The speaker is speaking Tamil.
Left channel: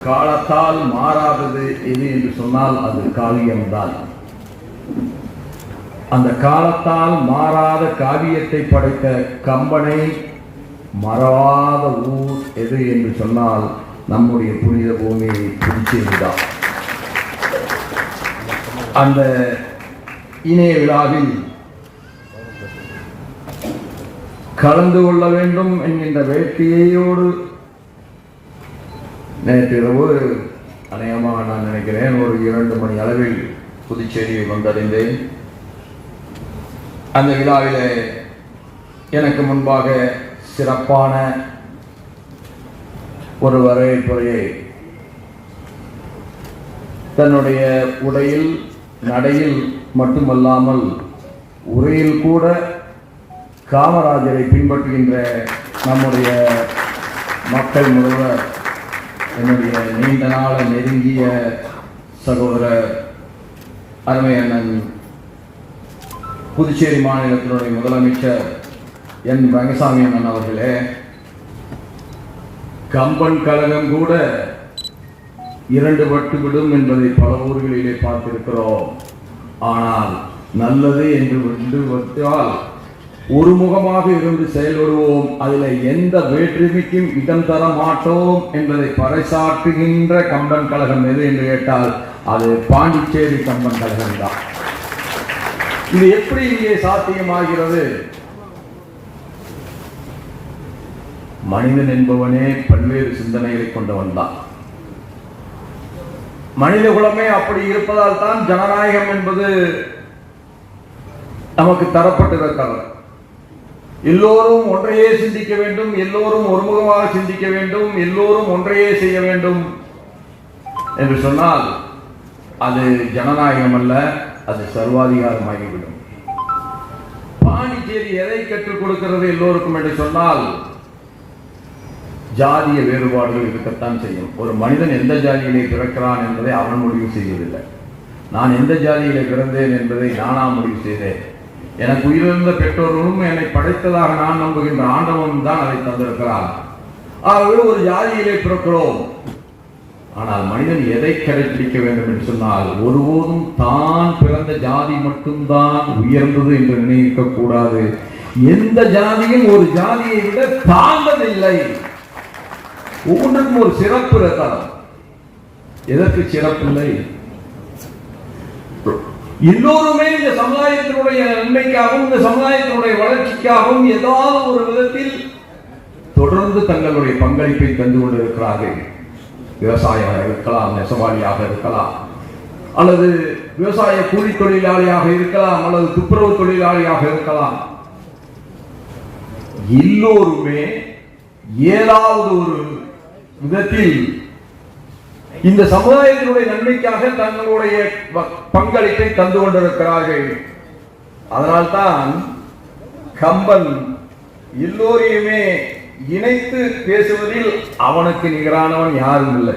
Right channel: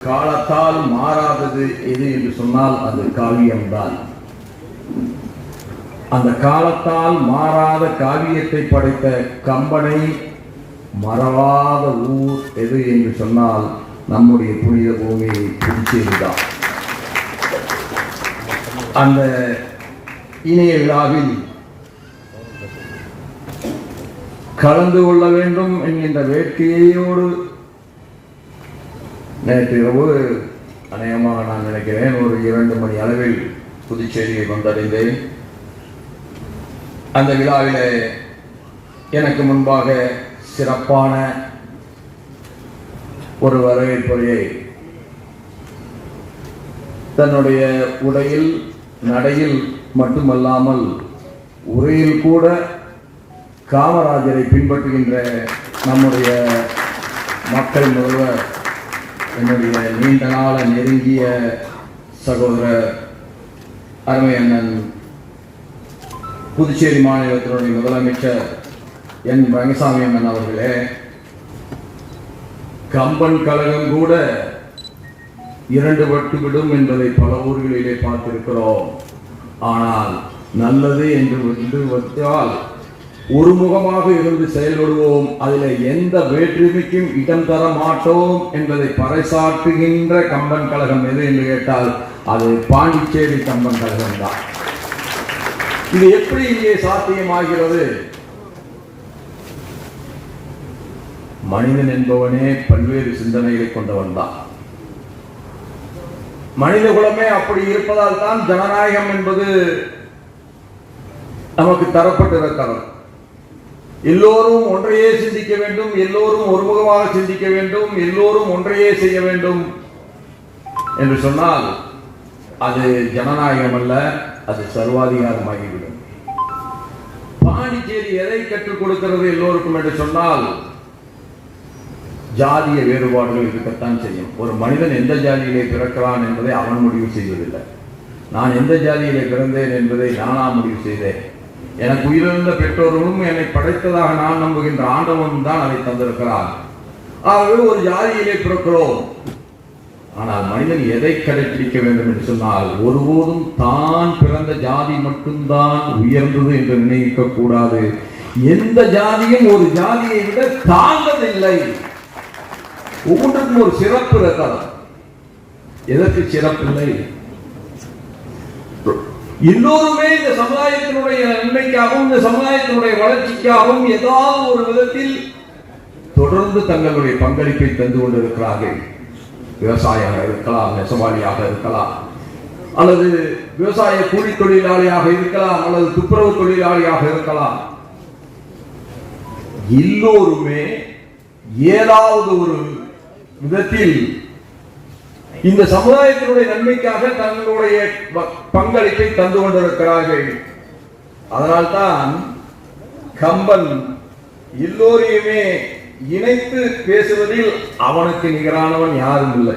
காலத்தால் மாறாதது எது என்று சொன்னால் அது காவியம்தான். அந்த காலத்தால் மாறாத காவியத்தை படைத்த கம்பனை மறவாத ஊர் எது என்று சொன்னால் நம்முடைய புனித பூமியை புதுச்சேரிதான் அந்த இணைய விழாவில் கலந்து கொள்ள வேண்டும் என்கின்ற வேட்கையோடு நேற்று இரவு அநேகமாக நான் நினைக்கிறேன் ஒரு இரண்டு மணி அளவில் புதுச்சேரியை வந்தடைந்தேன். அந்த விழாவிலே எனக்கு முன்பாக சிறப்பான ஒரு வரவேற்புரையை தன்னுடைய உடையில் நடையில் மட்டுமல்லாமல் உரையில் கூட காமராஜரை பின்பற்றுகின்ற நம்முடைய மக்கள் முதல்வர் என்னுடைய நீண்ட நாள நெருங்கிய சகோதரர் அருமையண்ணன் புதுச்சேரி மாநிலத்தினுடைய முதலமைச்சர் என் ரங்கசாமி அண்ணன் அவர்களே கம்பன் கழகம் கூட இரண்டு பட்டு விடும் என்பதை பல ஊர்களிலே பார்த்திருக்கிறோம். ஆனால் நல்லது என்று வந்து வந்தால் ஒருமுகமாக இருந்து செயல்படுவோம். அதில் எந்த வேற்றுமைக்கும் இடம் தர மாட்டோம் என்பதை பறைசாற்றுகின்ற கம்பன் கழகம் எது என்று கேட்டால் அது பாண்டிச்சேரி கம்பன் கழகம் தான். இது எப்படி இங்கே சாத்தியமாகிறது? மனிதன் என்பவனே பல்வேறு சிந்தனைகளை கொண்டவன் தான். மனித குலமே அப்படி இருப்பதால் தான் ஜனநாயகம் என்பது நமக்கு தரப்பட்டிருக்கிறது. எல்லோரும் ஒன்றையே சிந்திக்க வேண்டும் எல்லோரும் ஒருமுகமாக சிந்திக்க வேண்டும் எல்லோரும் ஒன்றையே செய்ய வேண்டும் என்று சொன்னால் அது ஜனநாயகம் அல்ல அது சர்வாதிகாரமாகிவிடும். பாண்டிச்சேரி எதை கற்றுக் கொடுக்கிறது எல்லோருக்கும் என்று சொன்னால் ஜாதிய வேறுபாடுகள் இருக்கத்தான் செய்யும். ஒரு மனிதன் எந்த ஜாதியிலே பிறக்கிறான் என்பதை அவன் முடிவு செய்வதில்லை. நான் எந்த ஜாதியிலே பிறந்தேன் என்பதை நானா முடிவு செய்தேன். எனக்கு உயிரிழந்த பெற்றோர்களும் என்னை படைத்ததாக நான் நம்புகின்ற ஆண்டவன் தான் அதை தந்திருக்கிறார். ஆகவே ஒரு ஜாதியிலே பிறக்கிறோம். ஆனால் மனிதன் எதை கடைபிடிக்க வேண்டும் என்று சொன்னால் ஒருபோதும் தான் பிறந்த ஜாதி மட்டும்தான் உயர்ந்தது என்று நினைக்க கூடாது. எந்த ஜாதியும் ஒரு ஜாதியை விட தாழ்ந்ததில்லை. ஒவ்வொன்றுக்கும் ஒரு சிறப்பு இருக்கிறது எதற்கு சிறப்பில்லை எல்லோருமே இந்த சமுதாயத்தினுடைய இந்த சமுதாயத்தினுடைய வளர்ச்சிக்காகவும் ஏதாவது ஒரு விதத்தில் தொடர்ந்து தங்களுடைய பங்களிப்பை தந்து கொண்டிருக்கிறார்கள். விவசாயியாக இருக்கலாம் நெசவாளியாக இருக்கலாம் அல்லது விவசாய கூலி தொழிலாளியாக இருக்கலாம் அல்லது துப்புரவு தொழிலாளியாக இருக்கலாம். எல்லோருமே ஏதாவது ஒரு விதத்தில் இந்த சமுதாயத்தினுடைய நன்மைக்காக தங்களுடைய ப- பங்களிப்பை தந்து கொண்டிருக்கிறார்கள். அதனால்தான் கம்பன் எல்லோரையுமே இணைத்து பேசுவதில் அவனுக்கு நிகரானவன் யாரும் இல்லை